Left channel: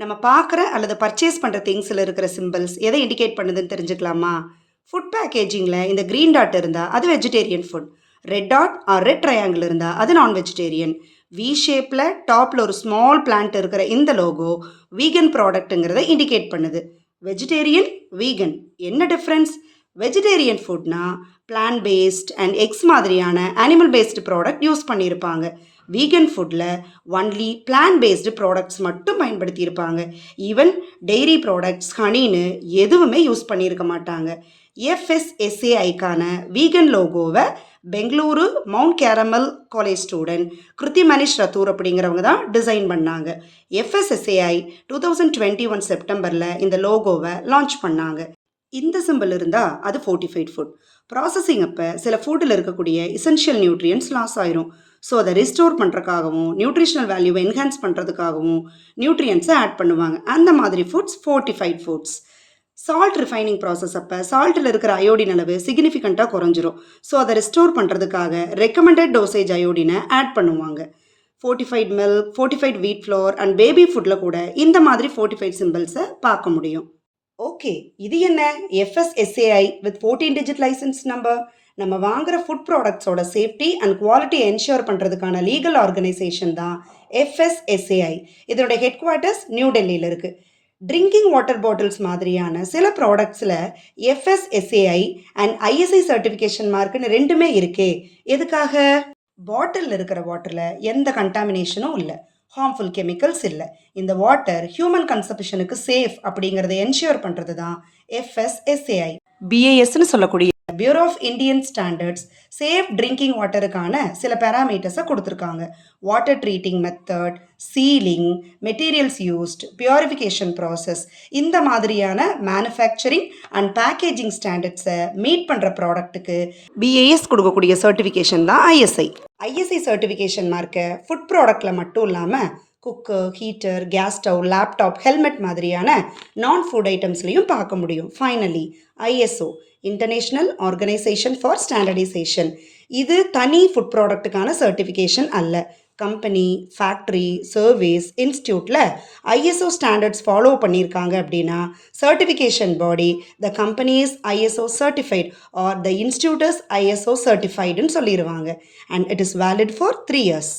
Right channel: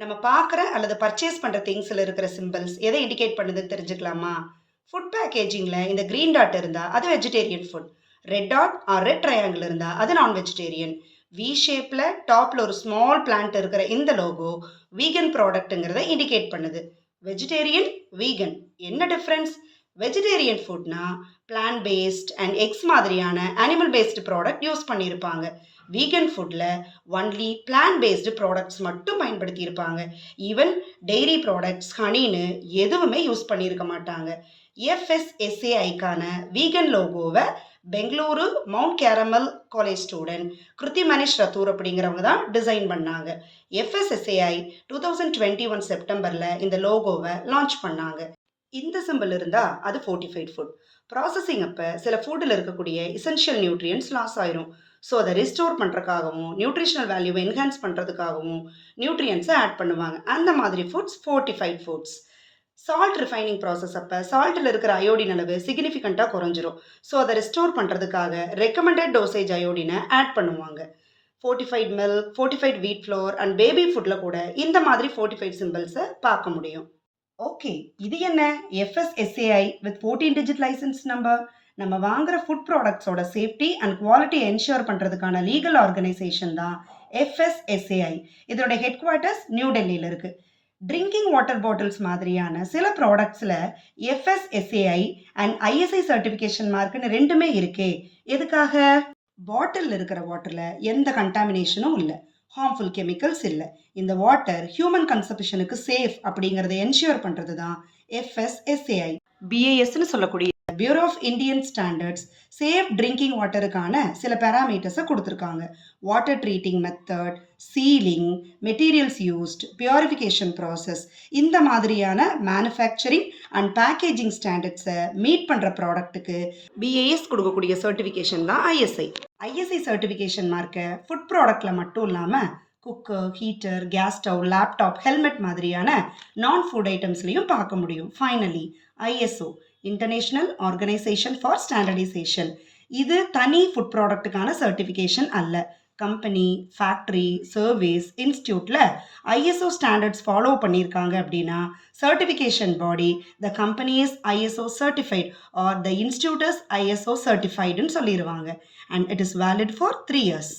நம்ம பார்க்குற அல்லது பர்ச்சேஸ் பண்ணுற திங்ஸில் இருக்கிற சிம்பிள்ஸ் எதை இண்டிகேட் பண்ணுதுன்னு தெரிஞ்சுக்கலாமா? ஃபுட் பேக்கேஜிங்கில் இந்த க்ரீன் டாட் இருந்தால் அது vegetarian food. Red dot or red triangle இருந்தால் அது நான் வெஜிடேரியன். வி ஷேப்பில் டாப்பில் ஒரு ஸ்மால் பிளான்ட் இருக்கிற இந்த லோகோ வீகன் ப்ராடக்ட்டுங்கிறத இண்டிகேட் பண்ணுது. வெஜிடேரியன், வீகன் என்ன டிஃப்ரென்ஸ்? வெஜிடேரியன் ஃபுட்னா பிளான்ட் பேஸ்ட் அண்ட் எக்ஸ் மாதிரியான அனிமல் பேஸ்டு ப்ராடக்ட் யூஸ் பண்ணியிருப்பாங்க. வீகன் ஃபுட்டில் ஒன்லி பிளான்ட் பேஸ்டு ப்ராடக்ட்ஸ் மட்டும் பயன்படுத்தியிருப்பாங்க. ஈவன் டெய்ரி ப்ராடக்ட்ஸ், ஹனின்னு எதுவுமே யூஸ் பண்ணியிருக்க மாட்டாங்க. எஃப்எஸ்எஸ்ஏஐக்கான வீகன் லோகோவை Bengaluru Mount Carmel College student Kruthi Manish Rathore அப்படிங்கிறவங்க தான் டிசைன் பண்ணாங்க. எஃப்எஸ்எஸ்ஏஐ 2021 செப்டம்பரில் இந்த லோகோவை லான்ச் பண்ணாங்க. இந்த சிம்பிள் இருந்தால் அது ஃபோர்ட்டிஃபைட் ஃபுட். ப்ராசஸிங் அப்போ சில ஃபுட்டில் இருக்கக்கூடிய எசென்ஷியல் நியூட்ரியன்ஸ் லாஸ் ஆயிரும். ஸோ அதை ரிஸ்டோர் பண்ணுறதுக்காகவும் நியூட்ரிஷனல் வேல்யூவை என்ஹான்ஸ் பண்ணுறதுக்காகவும் நியூட்ரியன்ஸை ஆட் பண்ணுவாங்க. அந்த மாதிரி foods fortified foods. Salt refining process அப்போ சால்ட்டில் இருக்கிற அயோடின் அளவு சிக்னிஃபிகண்ட்டாக குறைஞ்சிரும். ஸோ அதை ரெஸ்டோர் பண்ணுறதுக்காக ரெக்கமெண்டட் டோசேஜ் அயோடினை ஆட் பண்ணுவாங்க. ஃபோர்ட்டிஃபைட் மில்க், ஃபோர்ட்டிஃபைட் வீட் ஃப்ளோர் அண்ட் பேபி ஃபுட்டில் கூட இந்த மாதிரி ஃபோர்ட்டிஃபைட் சிம்பிள்ஸை பார்க்க முடியும். ஓகே, இது என்ன FSSAI with 14 digit licence number? நம்ம வாங்குற ஃபுட் ப்ராடக்ட்ஸோட சேஃப்டி அண்ட் குவாலிட்டி என்ஷூர் பண்ணுறதுக்கான லீகல் ஆர்கனைசேஷன் தான் எஃப்எஸ்எஸ்ஏஐ. இதோட ஹெட் குவார்ட்டர்ஸ் நியூ டெல்லியில் இருக்குது. ட்ரிங்கிங் வாட்டர் பாட்டில்ஸ் மாதிரியான சில ப்ராடக்ட்ஸில் எஃப்எஸ்எஸ்ஏஐ அண்ட் ஐஎஸ்ஐ சர்டிஃபிகேஷன் மார்க்குன்னு ரெண்டுமே இருக்கே. எதுக்காக? பாட்டிலில் இருக்கிற வாட்டரில் எந்த கண்டாமினேஷனும் இல்லை, ஹார்ம்ஃபுல் கெமிக்கல்ஸ் இல்லை, இந்த வாட்டர் ஹியூமன் கன்சப்ஷனுக்கு சேஃப் அப்படிங்கிறத என்ஷூர் பண்ணுறது தான் எஃப்எஸ்எஸ்ஏஐ. பிஏஎஸ்ன்னு சொல்லக்கூடிய Bureau of Indian Standards safe drinking வாட்டருக்கான சில பேராமீட்டர்ஸை கொடுத்துருக்காங்க. Water treating method, sealing, materials used, purification process, இந்த மாதிரியான மேனுஃபேக்சரிங் அண்ட் பேக்கேஜிங் ஸ்டாண்டர்ட்ஸை மீட் பண்ணுற ப்ராடக்ட்டுக்கு பிஏஎஸ் கொடுக்கக்கூடிய சர்டிஃபிகேஷன் தான் ஐஎஸ்ஐ. ஐஎஸ்ஐ சர்டிஃபிகேஷன் மார்க்கை ஃபுட் ப்ராடக்டில் மட்டும் இல்லாமல் cooker, heater, gas stove, laptop, helmet மாதிரியான நான் ஃபுட் ஐட்டம்ஸ்லையும் பார்க்க முடியும். Finally ISO, international organisation for standardisation. இது தனி ஃபுட் ப்ராடக்ட்டுக்கான சர்டிஃபிகேஷன் அல்ல. கம்பெனி, ஃபேக்ட்ரி, சர்வீஸ், இன்ஸ்டியூட்டில் ஐஎஸ்ஓ ஸ்டாண்டர்ட்ஸ் ஃபாலோ பண்ணியிருக்காங்க அப்படின்னா certification body the company is ISO certified or the institute is ISO சர்டிஃபைடுன்னு சொல்லிடுவாங்க. And it is valid for 3 years.